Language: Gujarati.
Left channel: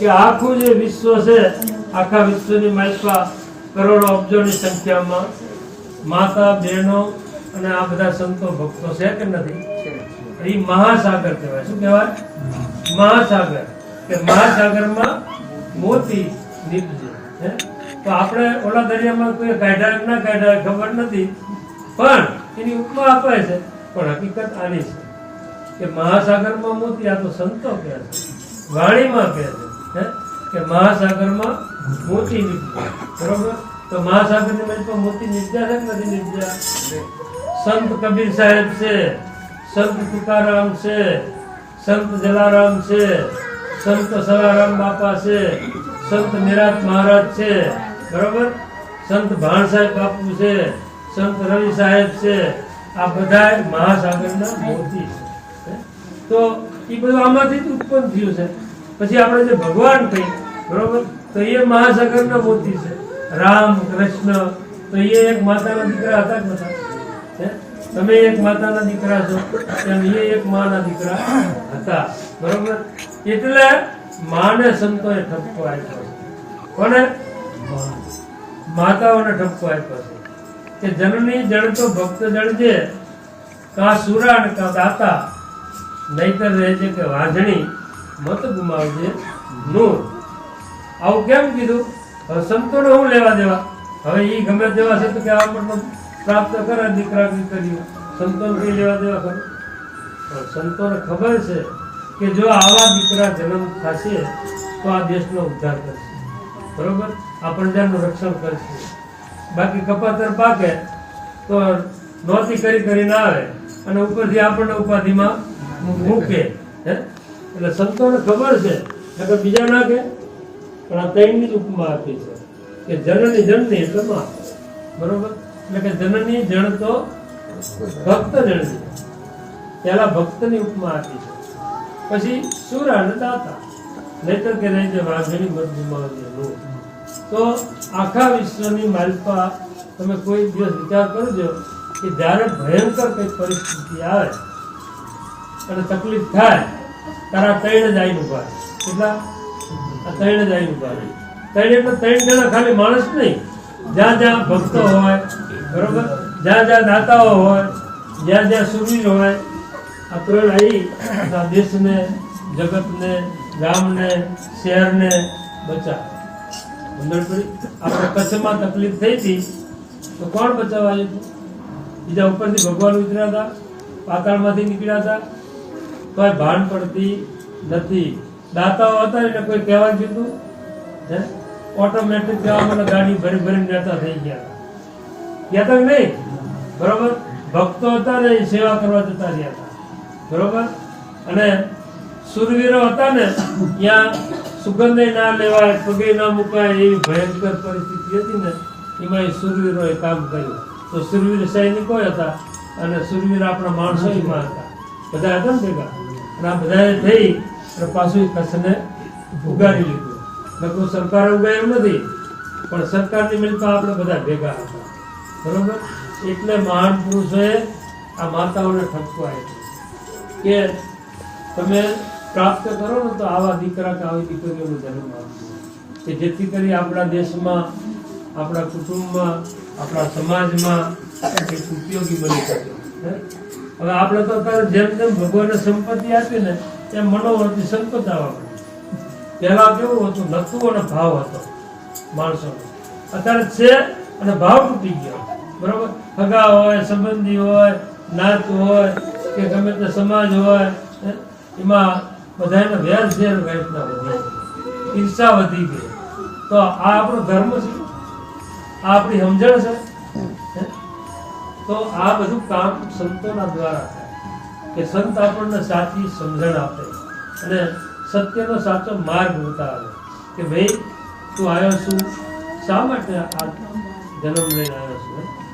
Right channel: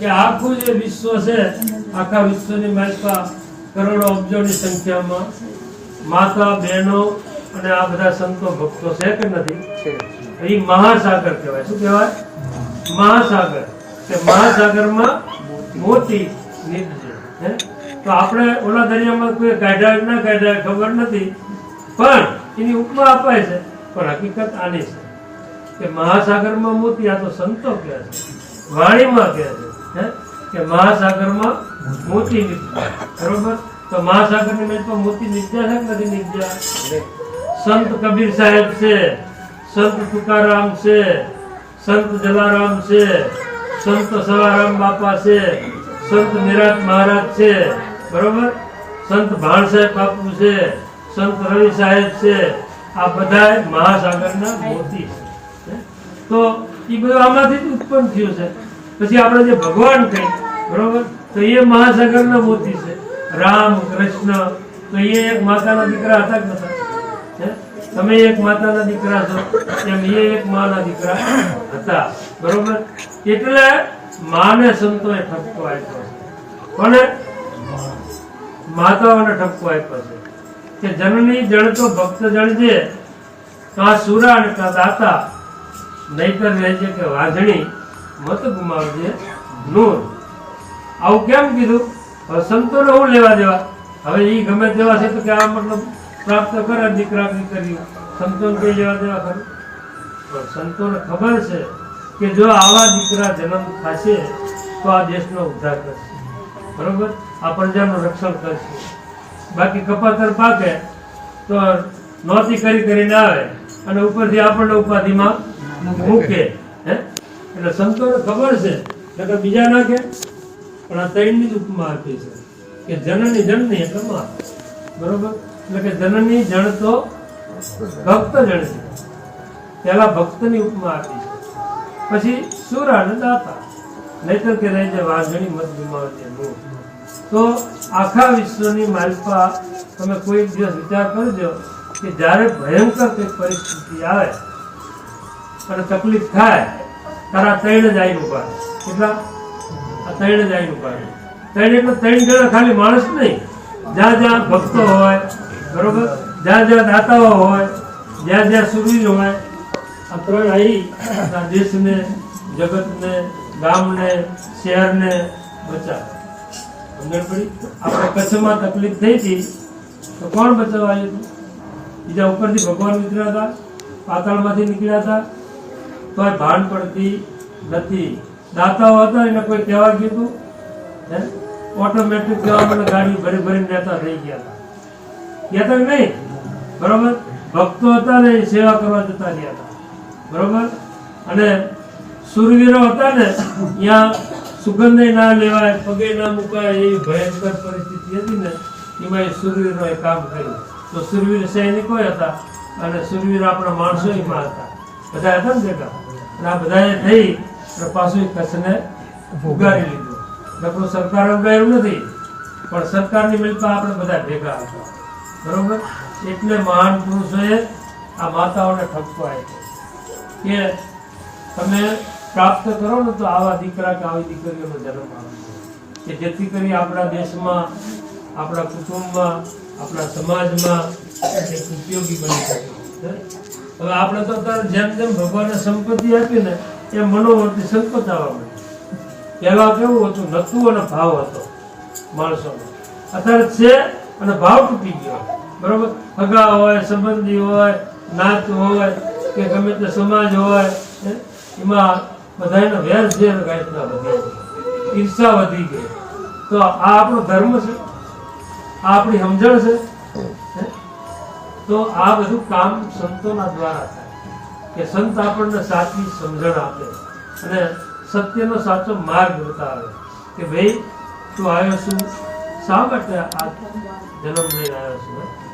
કે આખું જે વિશ્વ છે આખા વિશ્વની માલિકા કરોડો અબજોની સંખ્યામાં માતા બહેનો અને આ બધા સંતો ભક્તો છે કે નથી? એ મહાસાગર કહેવાય. શું કહેવાય? મહાસાગર. કે મહાસાગરમાં મોતી હે? તો આપણે ઓલા દરિયામાં કોઈ કાઢ્યા ના કાઢ્યા ખબર નથી. પણ એની ઉપમા અપાય છે. પણ હકીકત આની છે કે મહાસાગરમાં મોતી આ તો સંતો કહે છે. વાણીમાં કહે છે. હે? કે મહાસાગરમાં મોતી બરોબર? તો મહાસાગરની મેચમાં મોતી નિદ્યા છે કે નથી નીકળ્યા સંત કબીર સાહેબ છે, સંત તુકારામ છે, સંત જલારામ છે, સંત સવારામ બાપા છે, સંત નિરાત મહારાજ છે, બરોબર? સંત ભાણ સાહેબ બાપુ છે, સંત રવિ સાહેબ છે, આ બધા મહાસાગરના મોતી છે. તો એ બધું આમાંથી જ ઉત્પન્ન થયું છે. પછી આપણે જે ભગવાન છે બરોબર? તો એ મહાસાગરના મોતી છે. રામ, કૃષ્ણ, તો એ એક માતાના દીકરા હતા કે? તમે એક માતાના દીકરા છો એમ એ એક માના દીકરા હતા. બરોબર? એટલે માને સંતોએ ઠપકો આપ્યો કોને? માતાઓને ઠપકો આપ્યો છે. કે જનની જળ તો ભક્ત જળજે કા સુરા અને કા દાતા. નહીતર રહેજે કે વાંધણી મત ગુમાવજે. નૂર આવું કેમ કીધું? હવે સંતોને હું લેવા દેવા? હવે એ ગમે તેવા છે તો કે આ મતલબ પ્રાપ્ત કરે દીકરા દીકરીઓ સંતોને કઈ લેવા દેવા ખરું? પણ સંતોને ખબર છે કે જો આવા દીકરા જન્મ થશે તો આ દેશનો ઉદ્ધાર કરશે. બરોબર? આ પ્રજાનું રક્ષણ કરશે. બાકી કપાતર પાકે તો નોતી કરી કરીને આવે અને ઉપરથી આપણને ઉપાધિમાં મૂકે. હે? એટલે સંતોને ખબર છે. નકર બીજા ના કે, પણ આ ત્રણની જ ઉપમા આપી છે. કે જનની જનની એટલે માં બરોબર? એટલે કે જનની જણ તો ભક્ત જણની પેલા ભક્તની ઉપમા આપી છે. પછી સુર અને દાતા. નહીતર કે નહીં જે વાઘણી મત ગુમાવી તો આખા વિશ્વની માલિકા તમે કોઈ દિવસ વિચાર કરજો કે જ્યારે ભયંકર કઈ પરિસ્થિતિ આવે અને તકલીફ થાય તારા ત્રણ જ આવી ઊભા. કેટલા? આ ત્રણ જ આવી ઊભા. ત્રણ એટલે ત્રણ જણા ખાલી માણસ નહીં. જ્યાં જ્યાં ભક્તો હોય, બરોબર? જ્યાં જ્યાં દાતાઓ હોય, જ્યાં જ્યાં સુરવી જમાય, આ ત્રણ આવી દેશને, જગતને, ગામને, શહેરને બચાવે. સમજણ આપણે કચ્છમાં તકલીફ થઈ હતી, તો કોણ બચાવવા આવ્યું બીજા ઉપરથી ભગવાન ઉતર્યા હતા, પાતાળમાંથી નીકળ્યા હતા તોય ભાન પડતી નથી. દાતાઓ હતા એને કોઈ કહેવા કીધું ઓટોમેટિક કહેવા મને ગાડી ભરી ભરીને જતા થઈ ગયા. હતા ગયા હતા નહીં? બરોબર? ભક્તો હતા ને એ સેવા કરવા જતા રહ્યા હતા. બરોબર? અને સુરવીરો હતા ને, ત્યાં સુગંધે ના લેવાય, પગે ના મુકાય એવી ભયંકર પરિસ્થિતિ હતી ને, એમાં એ કામ કર્યું. તો સુરવીર સૈનિકો હતા અને સુરવીર આપણા માણસો એમાં હતા. બધા હતા ને ભેગા? આ બધાએ થઈ પાછું કચ્છને ઉગાડી લીધું. લગભગ સરકાર ઉગાડ્યું નથી, પણ સરકારની મિલકત આપણે બધા ભેગા હતા. બરોબર? એટલે મહાન પુરુષોએ આ માતાઓને ઠપકો આપ્યો. કે તમે પ્રાપ્ત કરો ને તો આવા દીકરા કે આવી દીકરીઓનો જન્મ આપજો કે જેથી કરી આપણા દેશમાં, આપણા કુટુંબમાં, આપણા સમાજમાં ઉપયોગી બની શકે? હવે આપણે તો અત્યારે જેમ જેમ ભગવાને સંપત્તિ આપી ને એમ મનોવર્તી સંપત્તિ આવવા. પહેલા કેવું હતું? નતું અને ભાવ હતો માણસોનો. અત્યારે છે અને ભાવ તૂટી ગયો. બરોબર? સગા હોય, સંબંધી હોય, નાત હોય, કે ગમે તે સમાજ હોય? એમાં બધાને વેર ઝેર ગાંઠના વધે ઈર્ષા વધી ગઈ. તો આ આપણો ધર્મ છે. આ આપણી સમજણ છે? તો આ બધું કામ સંતોના દ્વારા થાય કે સંત આપણને સાચી સમજણ આપે અને સત્યનો સાચો માર્ગ બતાવે કે ભાઈ, તું આવ્યો છું, શા માટે આ જન્મ લઈને આવ્યો છું?